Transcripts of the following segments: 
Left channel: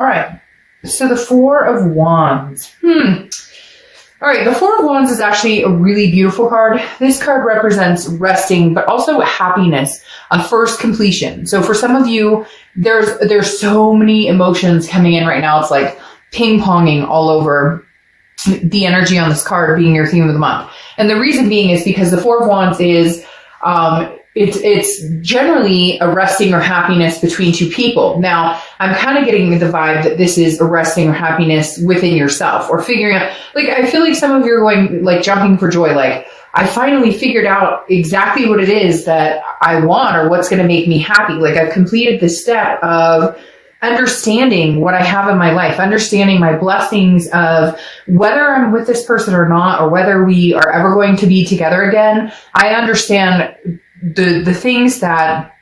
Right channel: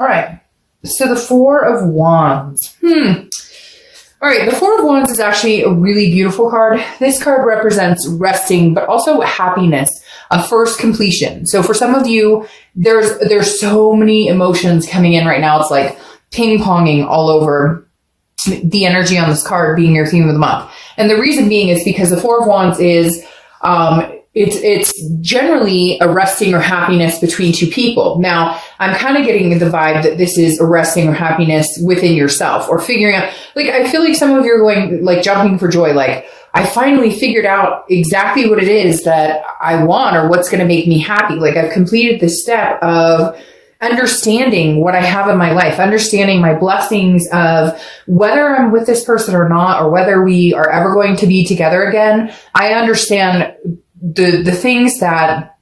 All right. So the Four of Wands. All right, the Four of Wands is actually a really beautiful card. This card represents resting, but also happiness, a first completion. So for some of you, there's so many emotions coming in right now. It's like ping-ponging all over the energy on this card being your theme of the month. And the reason being is because the Four of Wands is, it's generally a resting or happiness between two people. Now, I'm kind of getting the vibe that this is a resting or happiness within yourself, or figuring out, like, I feel like some of you are going, like, jumping for joy, like, I finally figured out exactly what it is that I want, or what's going to make me happy. Like, I've completed the step of understanding what I have in my life, understanding my blessings of whether I'm with this person or not, or whether we are ever going to be together again. I understand the things that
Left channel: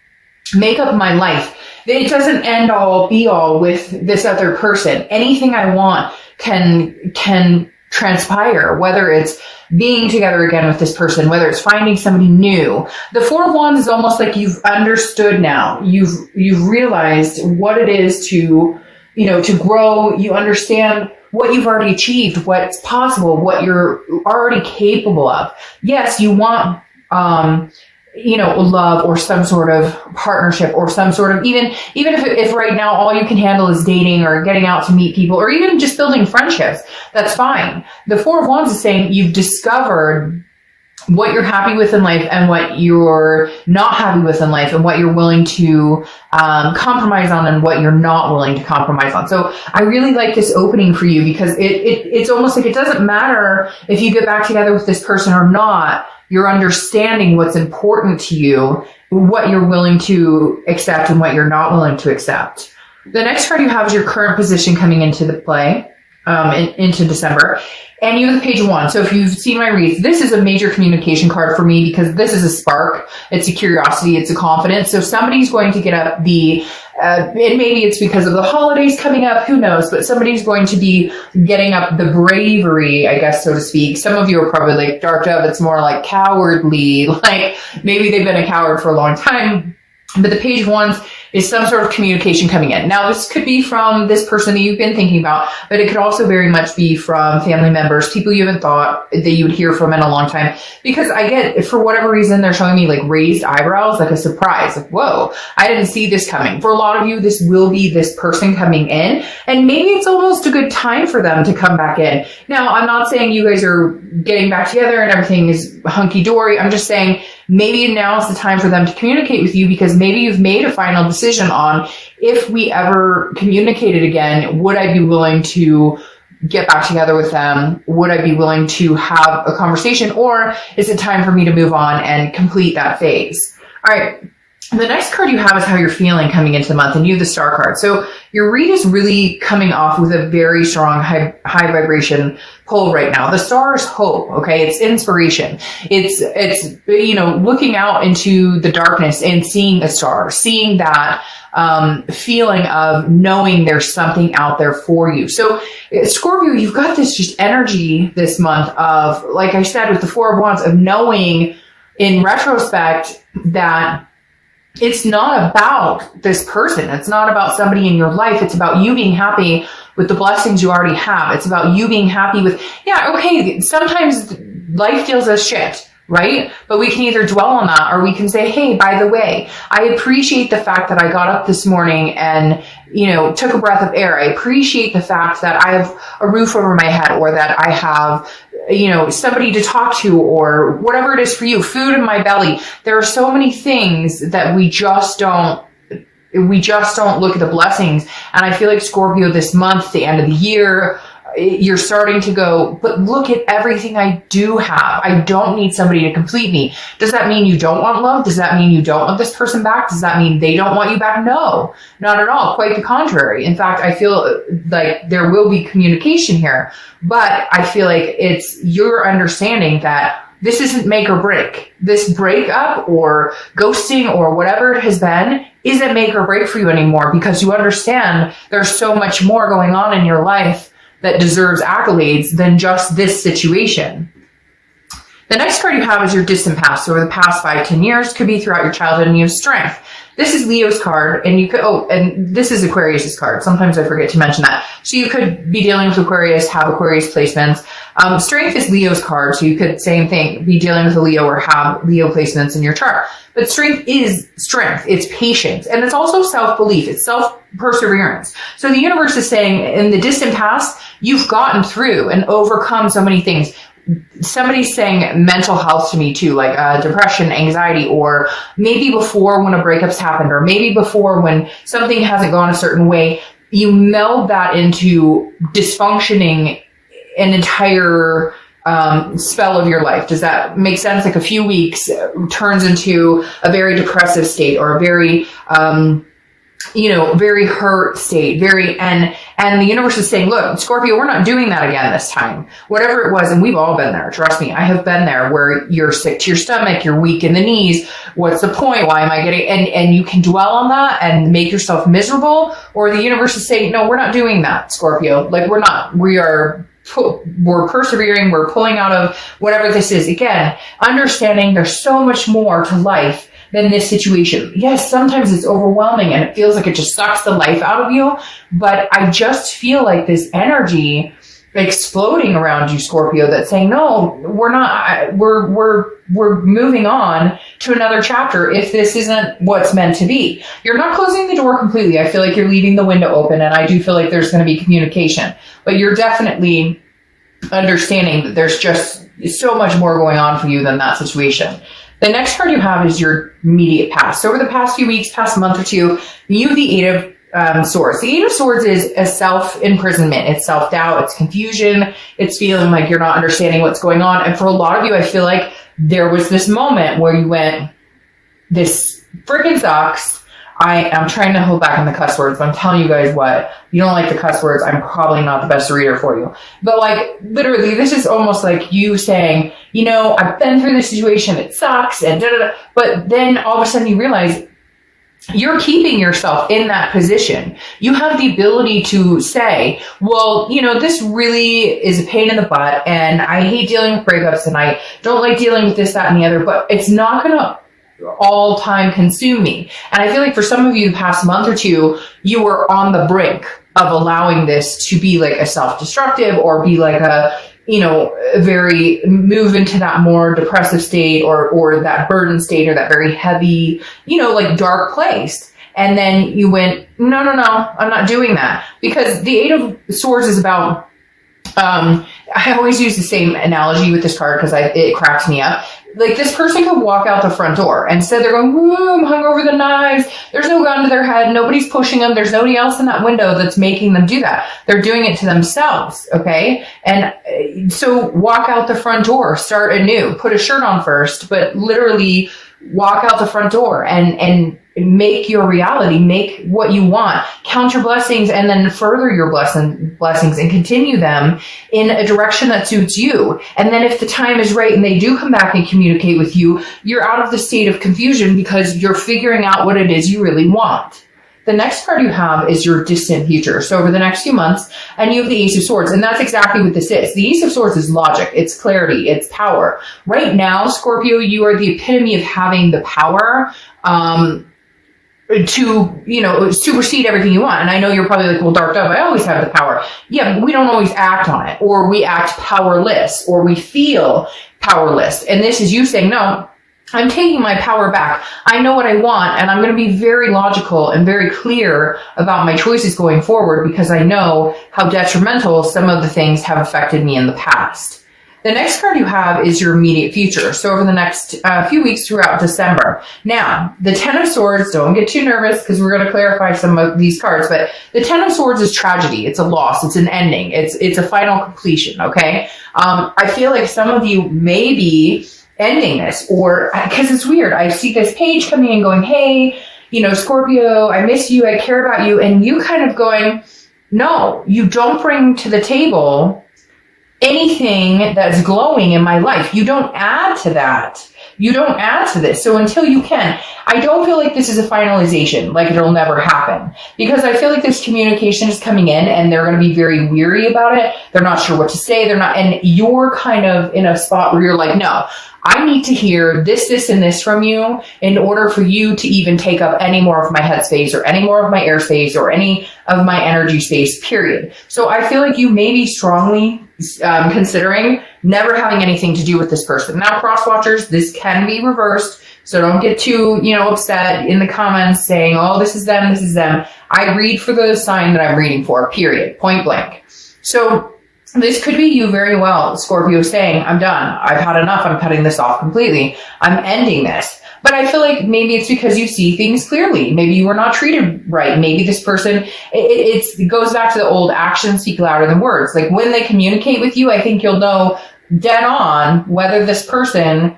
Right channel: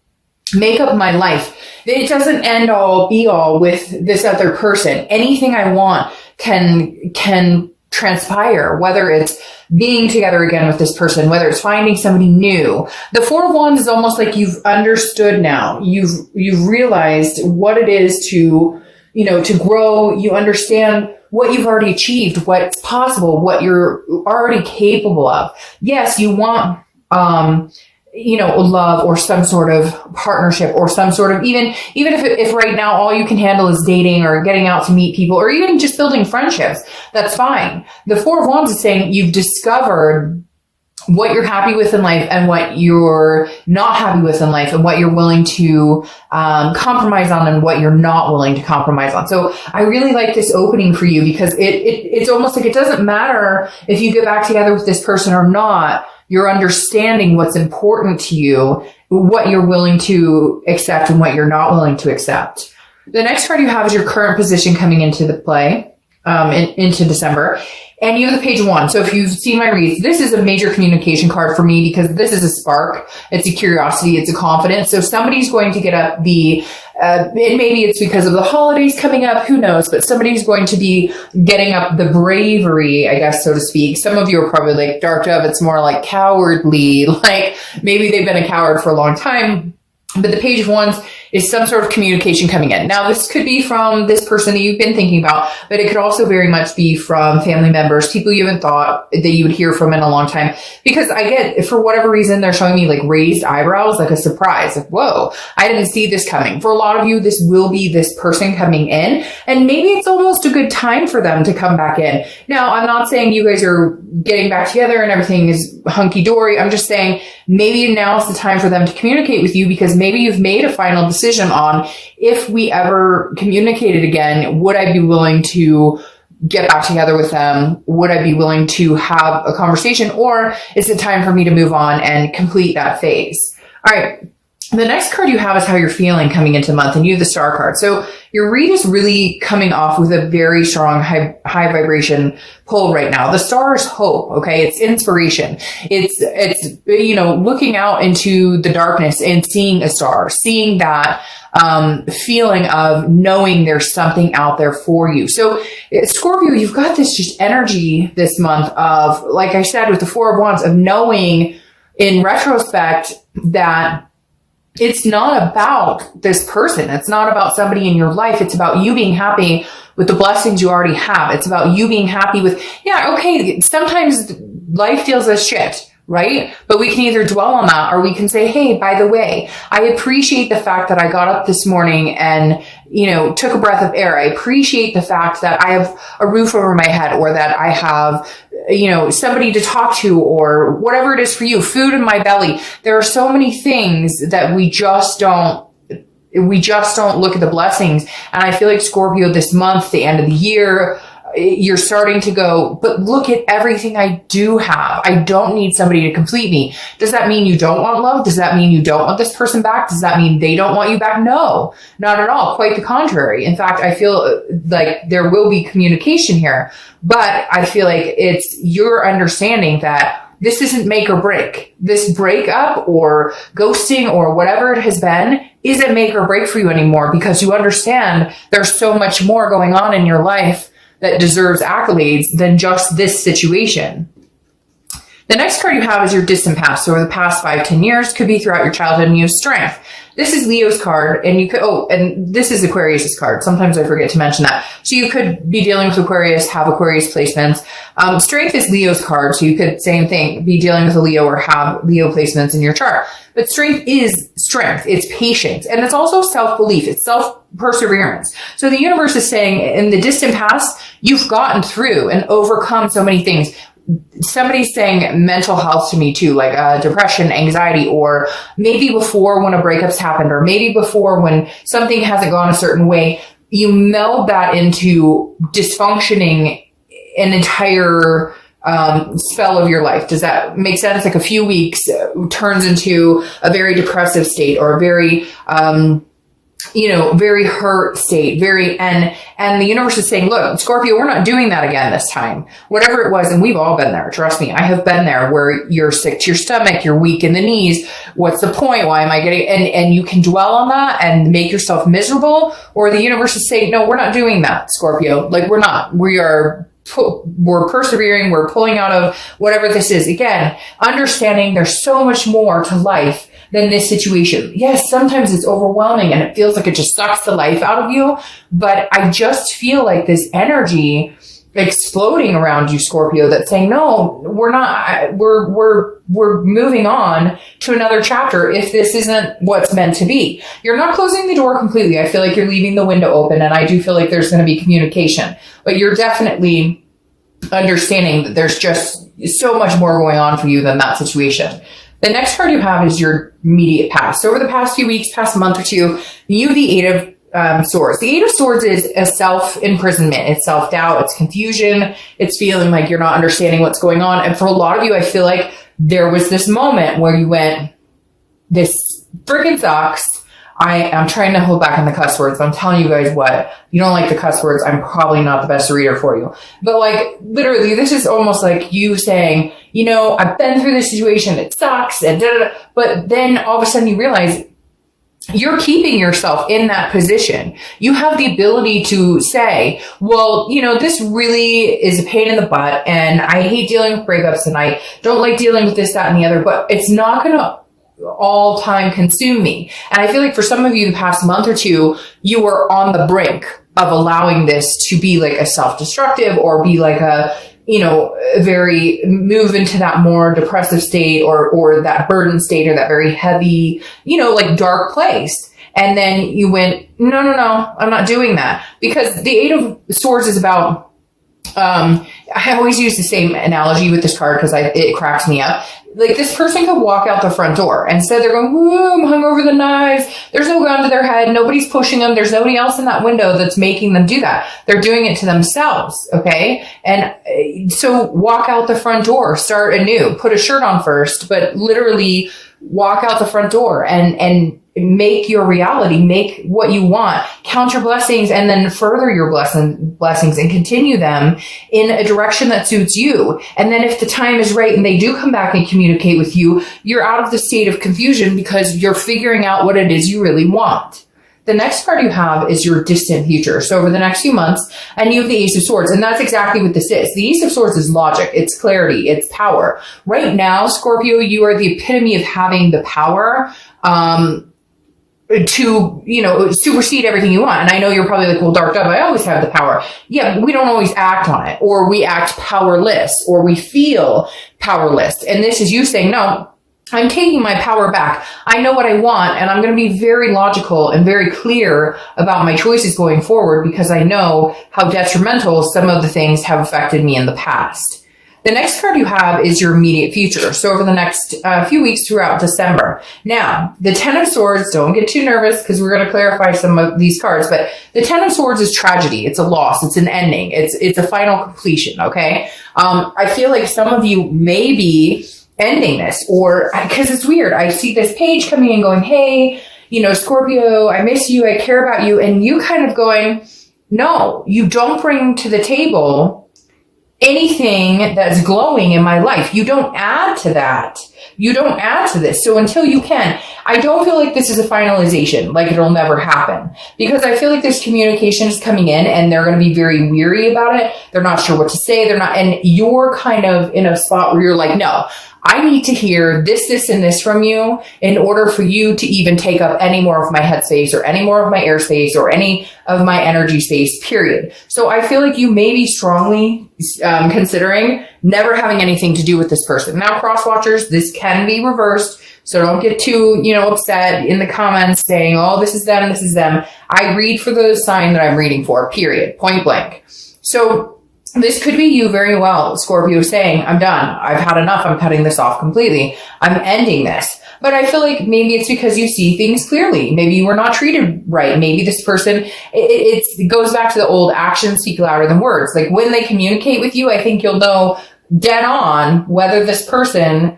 make up my life. It doesn't end all be all with this other person. Anything I want can transpire, whether it's being together again with this person, whether it's finding somebody new. The Four of Wands is almost like you've understood now. You've realized what it is to grow. You understand what you've already achieved, what's possible, what you're already capable of. Yes, you want, love, or some sort of partnership, or some sort of, even if right now all you can handle is dating or getting out to meet people, or even just building friendships, that's fine. The Four of Wands is saying you've discovered what you're happy with in life and what you're not happy with in life, and what you're willing to compromise on and what you're not willing to compromise on. So I really like this opening for you, because it's almost like it doesn't matter if you get back together with this person or not. You're understanding what's important to you, what you're willing to accept and what you're not willing to accept. The next card you have is your current position coming into the play, into December. And you have the Page of Wands. So if you've seen my reads, this is a major communication card for me, because this is a spark. It's a curiosity. It's a confidence. So somebody's going to get up and maybe it's because of the holidays coming up, who knows, but somebody's going to be getting up the bravery, I guess, so to speak. Some of you are probably like, Dark Dove, it's more like cowardly, like maybe they've been a coward for a long time. But the Page of Wands is some sort of communication coming in. Now, this could be from this person that you've been thinking about, but it could also very much be from family members, people you haven't thought that you would hear from in a long time. Because I get, for whatever reason, they're showing me like raised eyebrows, like a surprise, like, whoa, I didn't see this coming. For a lot of you, this will be this person coming in, and maybe it's almost a good time for them to come back in. Now, I'm not saying you guys are getting back together and everything is hunky-dory. I'm just saying maybe now's the time for them to communicate with you, because maybe you've made a final decision on, if we ever communicated again, would I be willing to get back together with them? Would I be willing to have a conversation, or is it time for me to move on and complete that phase? All right. The next card you have is how you're feeling coming into the month, and you have the Star card. So your read is really coming off with a very strong high vibration pull right now. The Star is hope, okay? It's inspiration. It's looking out into the darkness and seeing a star, seeing that feeling of knowing there's something out there for you. So Scorpio, you've got this just energy this month of, like I said, with the Four of Wands, of knowing in retrospect that it's not about this person. It's not about somebody in your life. It's about you being happy with the blessings you already have. It's about you being happy with, okay, sometimes life feels as shit, right? But we can either dwell on that, or we can say, hey, by the way, I appreciate the fact that I got up this morning and, took a breath of air. I appreciate the fact that I have a roof over my head, or that I have, somebody to talk to, or whatever it is for you, food in my belly. There are so many things that we just don't look at the blessings. And I feel like Scorpio, this month, the end of the year, you're starting to go, but look at everything I do have. I don't need somebody to complete me. Does that mean you don't want love? Does that mean you don't want this person back? Does that mean they don't want you back? No, not at all. Quite the contrary. In fact, I feel like there will be communication here, but I feel like it's your understanding that this isn't make or break. This breakup or ghosting or whatever it has been isn't make or break for you anymore, because you understand there's so much more going on in your life that deserves accolades than just this situation. The next card you have is your distant past. So over the past 5-10 years, could be throughout your childhood, and you have strength. This is Leo's card, and you could, and this is Aquarius's card. Sometimes I forget to mention that. So you could be dealing with Aquarius, have Aquarius placements. Strength is Leo's card, so you could, same thing, be dealing with a Leo or have Leo placements in your chart. But strength is strength. It's patience. And it's also self-belief. It's self-perseverance. So the universe is saying in the distant past, you've gotten through and overcome so many things. Somebody's saying mental health to me too, like depression, anxiety, or maybe before when a breakup's happened, or maybe before when something hasn't gone a certain way, you meld that into dysfunctioning an entire spell of your life. Does that make sense? Like a few weeks turns into a very depressive state, or a very very hurt state, and the universe is saying, look, Scorpio, we're not doing that again this time. Whatever it was, and we've all been there. Trust me, I have been there, where you're sick to your stomach, you're weak in the knees. What's the point? Why am I getting, and you can dwell on that and make yourself miserable, or the universe is saying, no, we're not doing that, Scorpio. Like, we're not. We're persevering. We're pulling out of whatever this is. Again, understanding there's so much more to life than this situation. Yes, sometimes it's overwhelming and it feels like it just sucks the life out of you. But I just feel like this energy exploding around you, Scorpio, that's saying, no, we're not, we're moving on to another chapter if this isn't what's meant to be. You're not closing the door completely. I feel like you're leaving the window open, and I do feel like there's going to be communication, but you're definitely understanding that there's just so much more going on for you than that situation. The next card you have is your immediate past. So over the past few weeks, past month or two, you have the Eight of Swords. The Eight of Swords is a self-imprisonment. It's self-doubt. It's confusion. It's feeling like you're not understanding what's going on. And for a lot of you, I feel like there was this moment where you went, this freaking sucks. I'm trying to hold back on the cuss words. I'm telling you guys what, you don't like the cuss words, I'm probably not the best reader for you. But like, literally, this is almost like you saying, I've been through this situation, it sucks, and da-da-da. But then all of a sudden you realize you're keeping yourself in that position. You have the ability to say, well, this really is a pain in the butt, and I hate dealing with breakups, and I don't like dealing with this, that, and the other, but it's not going to all time consume me. And I feel like for some of you the past month or two, you were on the brink of allowing this to be like a self-destructive, or be like a, very move into that more depressive state, or that burden state, or that very heavy, like dark place. And then you went, no, I'm not doing that. Because the Eight of Swords is about, I always use the same analogy with this card because it cracks me up. Like, this person could walk out the front door and so they're going, I'm hung over the knives. There's no gun to their head. Nobody's pushing them. There's nobody else in that window that's making them do that. They're doing it to themselves. Okay. And so walk out the front door, start anew, put a shirt on first, but literally walk out the front door and make your reality, make what you want, count your blessings, and then further your blessings and continue them in a direction that suits you. And then if the time is right and they do come back and communicate with you, you're out of the state of confusion because you're figuring out what it is you really want. The next card you have is your distant future. So over the next few months, and you have the Ace of Swords, and that's exactly what this is. The Ace of Swords is logic, it's clarity, it's power. Right now, Scorpio, you are the epitome of having the power, to, supersede everything you want. And I know you're probably like, well, Dark Dove, I always have the power. Yeah, but we don't always act on it, or we act powerless, or we feel powerless. And this is you saying, no, I'm taking my power back. I know what I want, and I'm going to be very logical and very clear about my choices going forward, because I know how detrimental some of the things have affected me in the past. The next card you have is your immediate future. So over the next few weeks throughout December. Now, the Ten of Swords, don't get too nervous because we're going to clarify some of these cards, but the Ten of Swords is tragedy. It's a loss. It's an ending. It's a final completion, okay? I feel like some of you may be ending this, or because it's weird. I see this page coming in going, hey, Scorpio, I miss you. I care about you. And you kind of going, no, you don't bring to the table anything that's glowing in my life. You don't add to that. You don't add to this. So until you can, I don't feel like this is a finalization, like it'll never happen, because I feel like this communication is coming in and they're going to be very weary about it. They're not sure what to say. And you're kind of in a spot where you're like, no, I need to hear this, and this from you in order for you to even take up any more of my headspace or any more of my airspace or any of my energy space, period. So I feel like you may be strongly considering never having anything to do with this person. Now, cross watchers, this can be reversed. So don't get too, upset in the comments saying, oh, this is them, this is them. I read for the sign that I'm reading for, period, point blank. So this could be you very well, Scorpio, saying, I'm done. I've had enough. I'm cutting this off completely. I'm ending this. But I feel like maybe it's because you see things clearly. Maybe you were not treated right. Maybe this person, it goes back to the old actions speak louder than words. Like when they communicate with you, I think you'll know dead on whether this person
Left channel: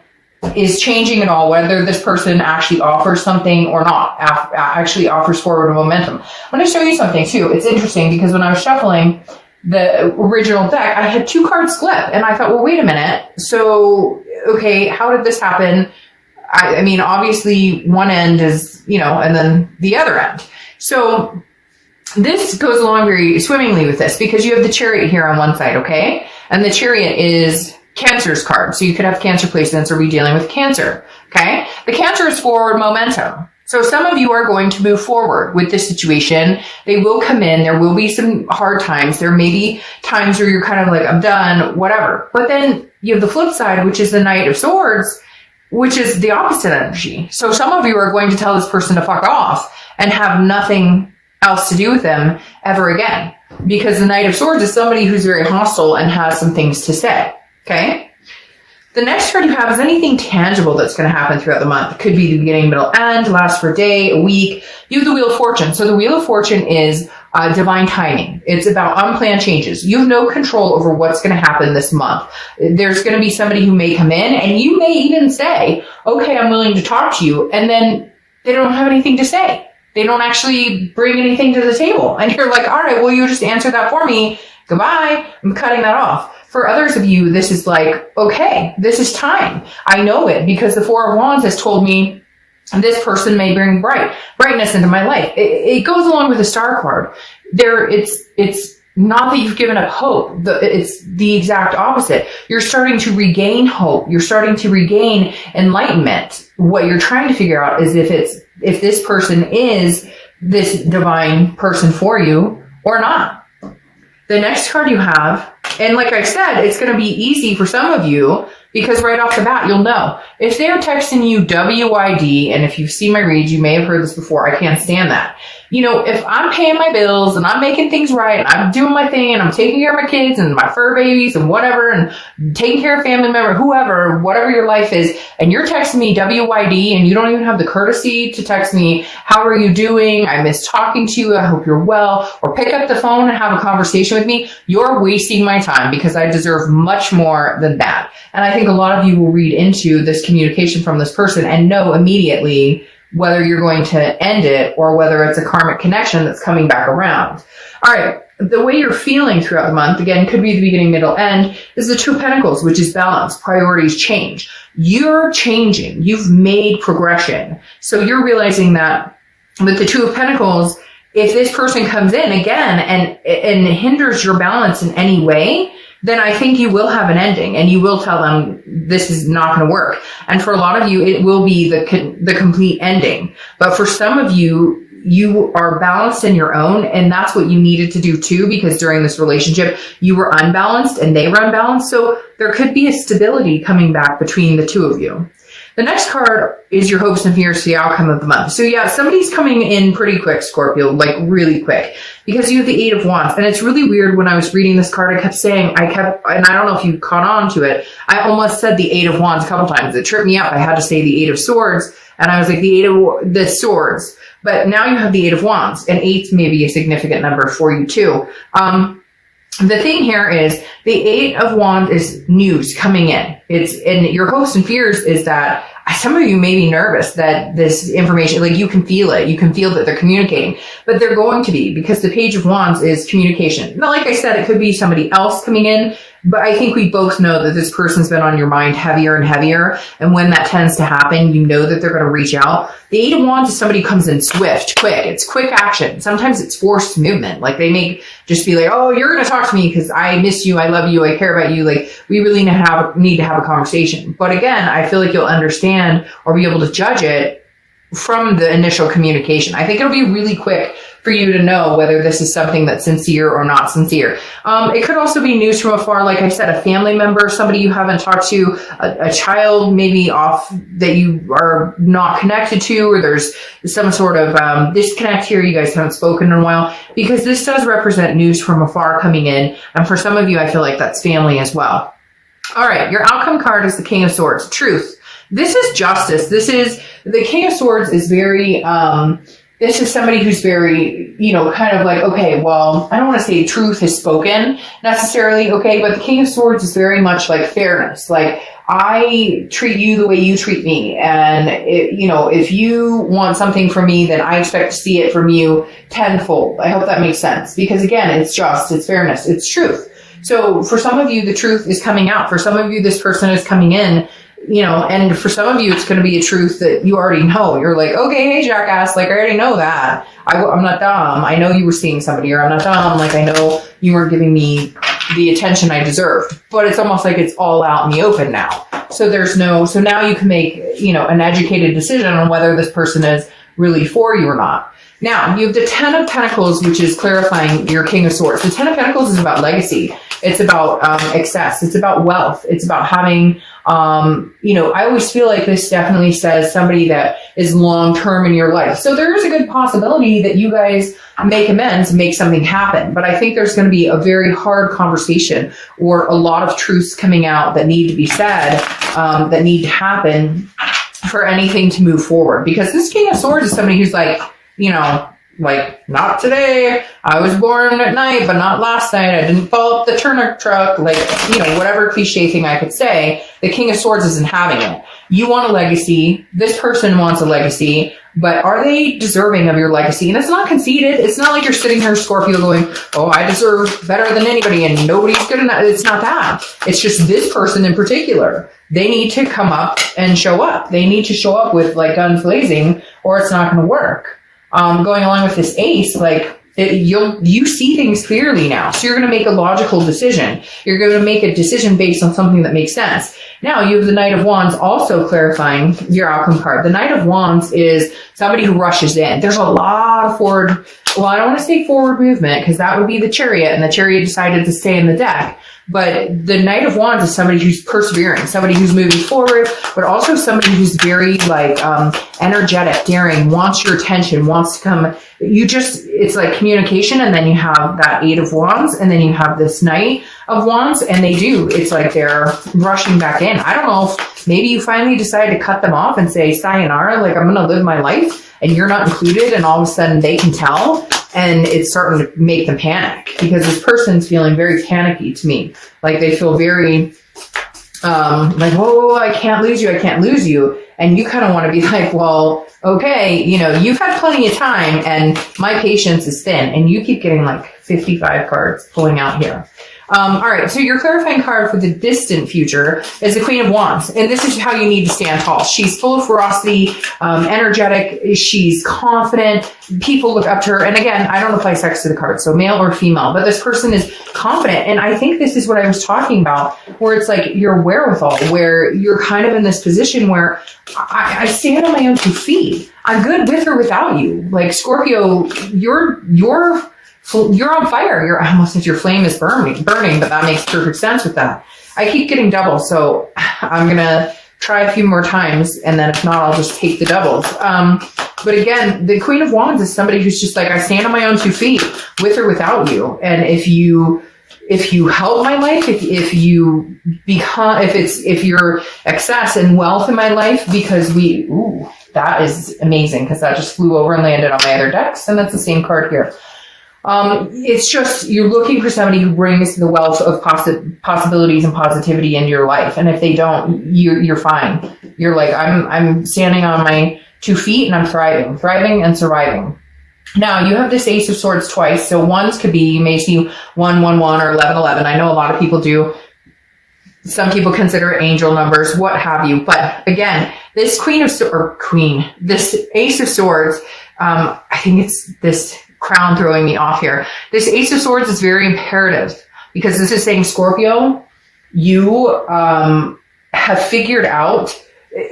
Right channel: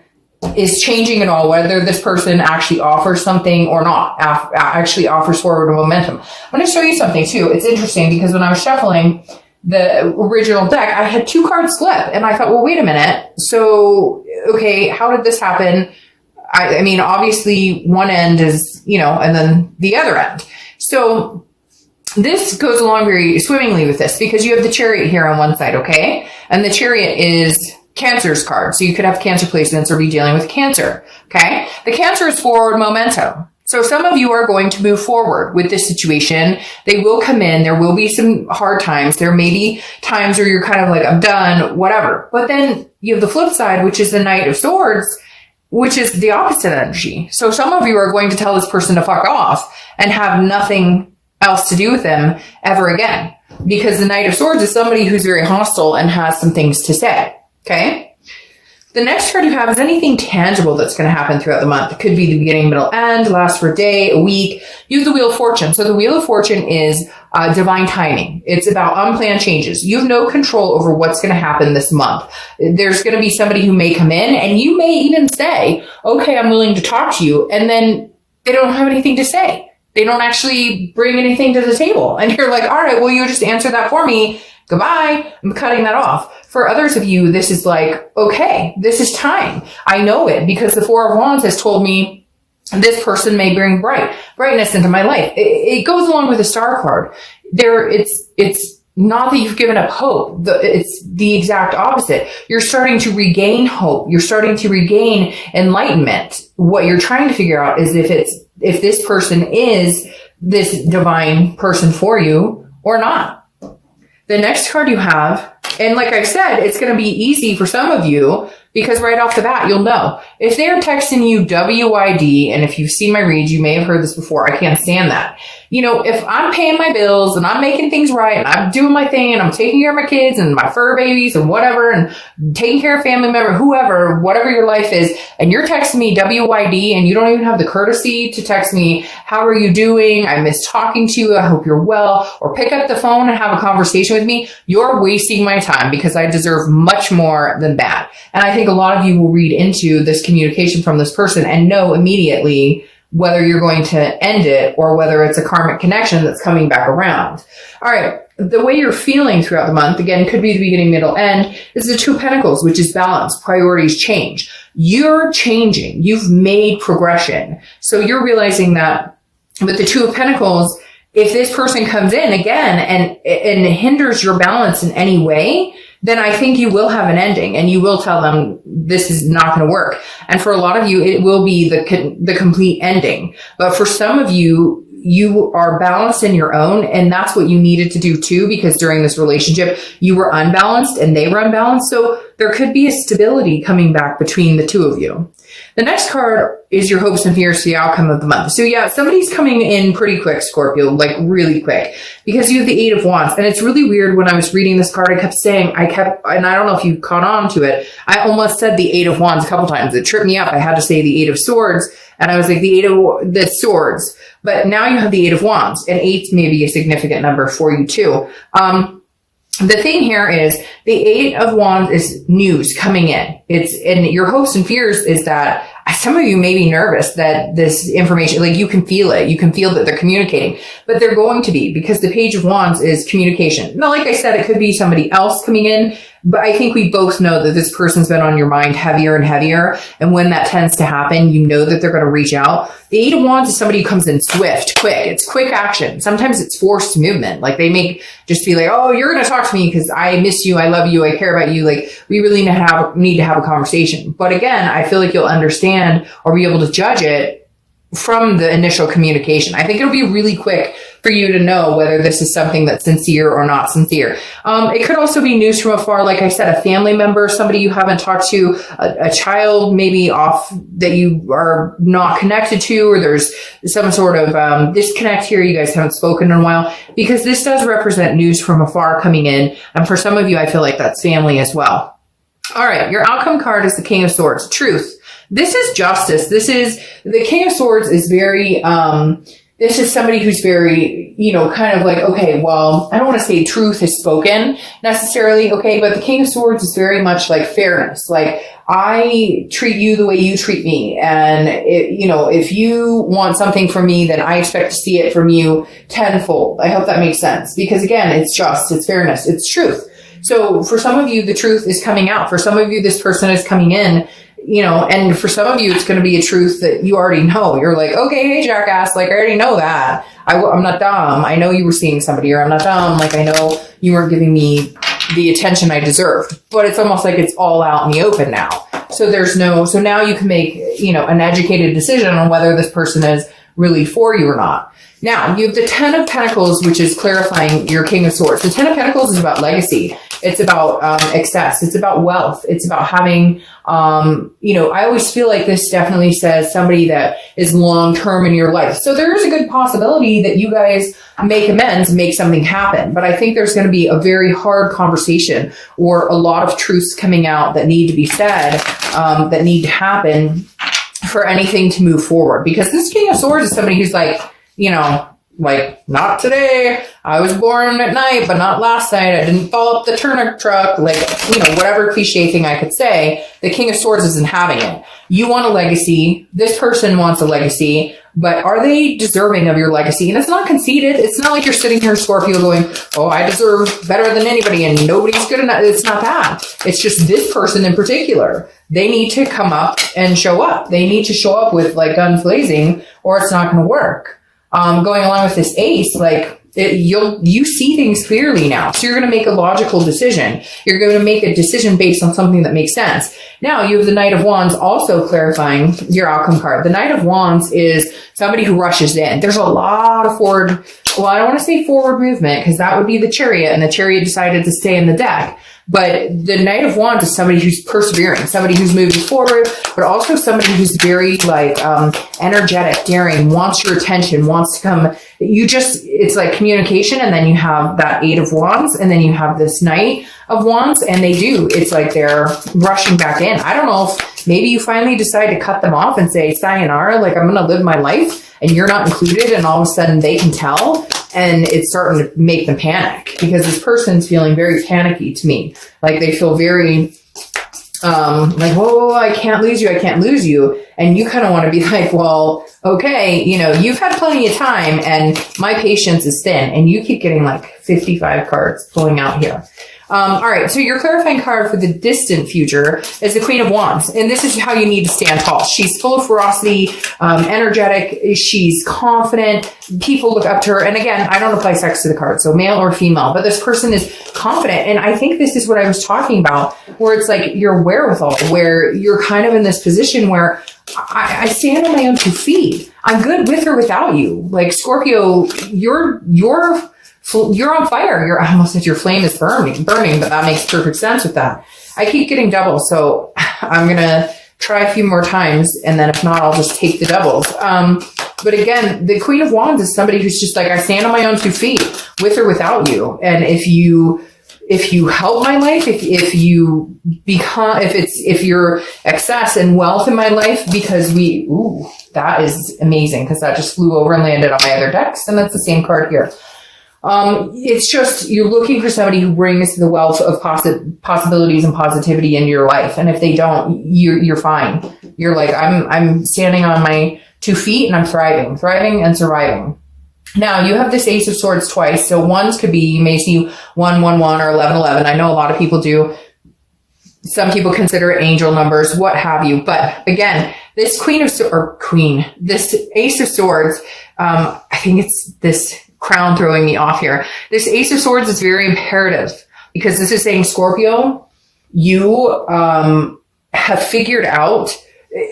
is changing at all, whether this person actually offers something or not, actually offers forward momentum. I'm going to show you something too. It's interesting because when I was shuffling the original deck, I had 2 cards flip and I thought, well, wait a minute. So, okay, how did this happen? I mean, obviously one end is, and then the other end. So this goes along very swimmingly with this because you have the Chariot here on one side, okay? And the Chariot is Cancer's card. So you could have Cancer placements or be dealing with Cancer, okay? The Cancer is forward momentum. So some of you are going to move forward with this situation. They will come in. There will be some hard times. There may be times where you're kind of like, I'm done, whatever. But then you have the flip side, which is the Knight of Swords, which is the opposite energy. So some of you are going to tell this person to fuck off and have nothing else to do with them ever again. Because the Knight of Swords is somebody who's very hostile and has some things to say. Okay? The next card you have is anything tangible that's going to happen throughout the month. It could be the beginning, middle, end, last for a day, a week. You have the Wheel of Fortune. So the Wheel of Fortune is divine timing. It's about unplanned changes. You have no control over what's going to happen this month. There's going to be somebody who may come in and you may even say, okay, I'm willing to talk to you. And then they don't have anything to say. They don't actually bring anything to the table. And you're like, all right, well, you just answer that for me. Goodbye. I'm cutting that off. For others of you, this is like, okay, this is time. I know it because the Four of Wands has told me this person may bring brightness into my life. It goes along with the Star card. It's not that you've given up hope. It's the exact opposite. You're starting to regain hope. You're starting to regain enlightenment. What you're trying to figure out is if this person is this divine person for you or not. The next card you have, and like I said, it's going to be easy for some of you because right off the bat, you'll know. If they're texting you WID, and if you've seen my reads, you may have heard this before. I can't stand that. If I'm paying my bills and I'm making things right and I'm doing my thing and I'm taking care of my kids and my fur babies and whatever and taking care of family member, whoever, whatever your life is, and you're texting me WID and you don't even have the courtesy to text me, how are you doing? I miss talking to you. I hope you're well. Or pick up the phone and have a conversation with me. You're wasting my time because I deserve much more than that. And I think a lot of you will read into this communication from this person and know immediately whether you're going to end it or whether it's a karmic connection that's coming back around. All right. The way you're feeling throughout the month, again, could be the beginning, middle, end, is the Two of Pentacles, which is balance. Priorities change. You're changing. You've made progression. So you're realizing that with the Two of Pentacles, if this person comes in again and hinders your balance in any way, then I think you will have an ending and you will tell them this is not going to work. And for a lot of you, it will be the complete ending. But for some of you, you are balanced in your own, and that's what you needed to do too, because during this relationship, you were unbalanced and they were unbalanced. So there could be a stability coming back between the two of you. The next card is your hopes and fears for the outcome of the month. So yeah, somebody's coming in pretty quick, Scorpio, like really quick, because you have the Eight of Wands. And it's really weird when I was reading this card, I kept saying, and I don't know if you caught on to it, I almost said the Eight of Wands a couple times. It tripped me up. I had to say the Eight of Swords, and I was like, the Swords. But now you have the Eight of Wands, and 8 may be a significant number for you too. The thing here is the Eight of Wands is news coming in. And your hopes and fears is that some of you may be nervous that this information, like you can feel it. You can feel that they're communicating, but they're going to be, because the Page of Wands is communication. Now, like I said, it could be somebody else coming in But I think we both know that this person's been on your mind heavier and heavier. And when that tends to happen, you know that they're going to reach out. The Eight of Wands is somebody who comes in swift, quick. It's quick action. Sometimes it's forced movement. Like they make just be like, oh, you're going to talk to me because I miss you. I love you. I care about you. Like we really need to have a conversation. But again, I feel like you'll understand or be able to judge it from the initial communication. I think it'll be really quick for you to know whether this is something that's sincere or not sincere. It could also be news from afar, like I said, a family member, somebody you haven't talked to, a child maybe off that you are not connected to, or there's some sort of disconnect here. You guys haven't spoken in a while, because this does represent news from afar coming in. And for some of you, I feel like that's family as well. All right, your outcome card is the King of Swords, truth. This is justice. This is, the King of Swords is very, this is somebody who's very, kind of like, okay, well, I don't want to say truth is spoken necessarily, okay, but the King of Swords is very much like fairness. Like, I treat you the way you treat me. And, if you want something from me, then I expect to see it from you tenfold. I hope that makes sense. Because again, it's just, it's fairness, it's truth. So for some of you, the truth is coming out. For some of you, this person is coming in, and for some of you, it's going to be a truth that you already know. You're like, okay, hey, jackass, like, I already know that. I'm not dumb. I know you were seeing somebody, or I'm not dumb. Like, I know you were giving me the attention I deserved. But it's almost like it's all out in the open now. So so now you can make, an educated decision on whether this person is really for you or not. Now, you have the Ten of Pentacles, which is clarifying your King of Swords. The Ten of Pentacles is about legacy. It's about excess. It's about wealth. It's about having, I always feel like this definitely says somebody that is long-term in your life. So there is a good possibility that you guys make amends and make something happen. But I think there's going to be a very hard conversation, or a lot of truths coming out that need to be said, that need to happen for anything to move forward. Because this King of Swords is somebody who's like, like, not today. I was born at night, but not last night. I didn't fall up the turnip truck. Like, whatever cliche thing I could say, the King of Swords isn't having it. You want a legacy. This person wants a legacy, but are they deserving of your legacy? And it's not conceited. It's not like you're sitting here, Scorpio, going, oh, I deserve better than anybody and nobody's good enough. It's not that. It's just this person in particular. They need to come up and show up. They need to show up with like guns blazing, or it's not going to work. Going along with this ace, like you see things clearly now. So you're going to make a logical decision. You're going to make a decision based on something that makes sense. Now you have the Knight of Wands also clarifying your outcome card. The Knight of Wands is somebody who rushes in. There's a lot of I don't want to say forward movement, because that would be the Chariot, and the Chariot decided to stay in the deck. But the Knight of Wands is somebody who's persevering, somebody who's moving forward, but also somebody who's very energetic, daring, wants your attention, wants to come. It's like communication, and then you have that Eight of Wands, and then you have this Knight of Wands, and it's like they're rushing back in. I don't know if maybe you finally decide to cut them off and say, sayonara, like, I'm going to live my life, and you're not included, and all of a sudden they can tell. And it's starting to make them panic, because this person's feeling very panicky to me. Like they feel very, like, oh, I can't lose you. I can't lose you. And you kind of want to be like, well, okay, you've had plenty of time and my patience is thin. And you keep getting like 55 cards pulling out here. All right, so your clarifying card for the distant future is the Queen of Wands, and this is how you need to stand tall. She's full of ferocity, energetic, she's confident, people look up to her, and again, I don't apply sex to the card, so male or female, but this person is confident, and I think this is what I was talking about, where it's like your wherewithal, where you're kind of in this position where I stand on my own 2 feet. I'm good with or without you. Like, Scorpio, you're on fire. I almost said your flame is burning, but that makes perfect sense with that. I keep getting doubles, so I'm going to try a few more times, and then if not, I'll just take the doubles. But again, the Queen of Wands is somebody who's just like, I stand on my own 2 feet, with or without you. And if you help my life, if you're excess and wealth in my life, because that is amazing, because that just flew over and landed on my other decks, and that's the same card here. It's just, you're looking for somebody who brings the wealth of possibilities and positivity into your life. And if they don't, you're fine. You're like, I'm standing on my 2 feet and I'm thriving and surviving. Now you have this Ace of Swords twice. So ones could be, you may see 1, 1, 1 or 11, 11. I know a lot of people do. Some people consider it angel numbers, what have you. But again, this this Ace of Swords, I think it's this crown throwing me off here. This Ace of Swords is very imperative because this is saying, Scorpio, you have figured out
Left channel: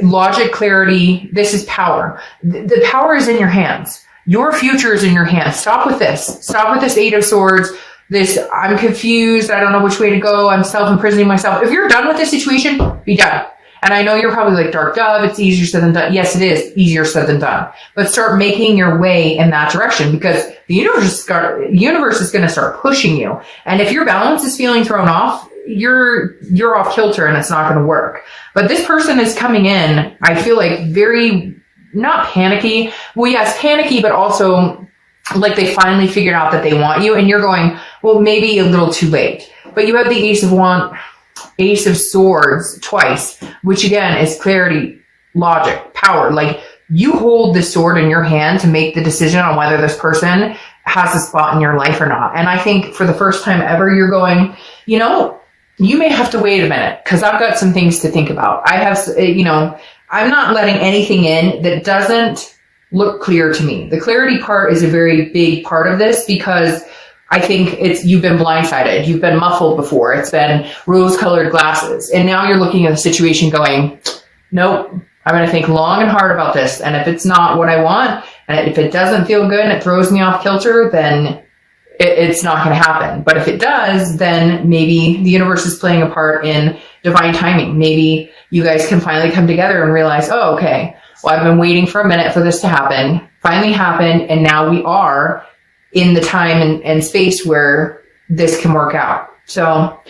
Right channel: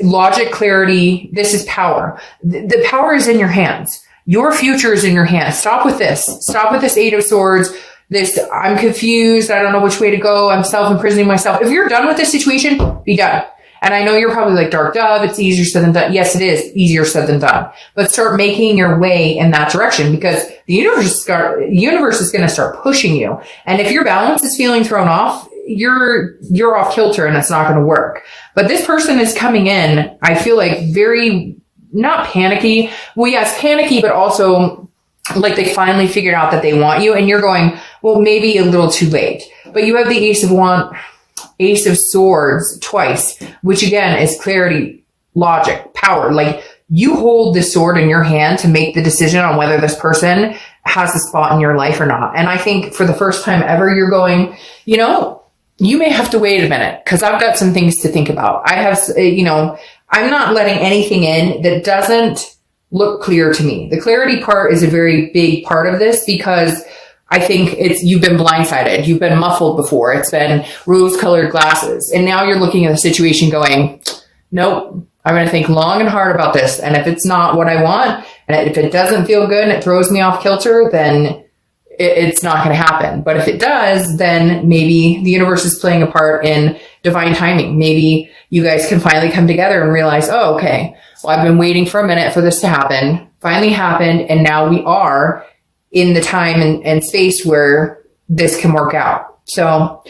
logic, clarity. This is power. The power is in your hands. Your future is in your hands. Stop with this. Stop with this Eight of Swords. This, I'm confused. I don't know which way to go. I'm self-imprisoning myself. If you're done with this situation, be done. And I know you're probably like, Dark Dove, it's easier said than done. Yes, it is easier said than done. But start making your way in that direction because the universe is going to start pushing you. And if your balance is feeling thrown off, you're off kilter and it's not going to work. But this person is coming in, I feel like very, not panicky. Well, yes, panicky, but also like they finally figured out that they want you and you're going, well, maybe a little too late. But you have the Ace of Swords twice, which again is clarity, logic, power. Like you hold the sword in your hand to make the decision on whether this person has a spot in your life or not. And I think for the first time ever, you're going, you know, you may have to wait a minute because I've got some things to think about. I have, I'm not letting anything in that doesn't look clear to me. The clarity part is a very big part of this because I think you've been blindsided. You've been muffled before. It's been rose-colored glasses. And now you're looking at the situation going, nope, I'm going to think long and hard about this. And if it's not what I want, and if it doesn't feel good and it throws me off kilter, then it's not going to happen. But if it does, then maybe the universe is playing a part in divine timing. Maybe you guys can finally come together and realize, oh, okay, well, I've been waiting for a minute for this to happen. Finally happened. And now we are in the time and space where this can work out. So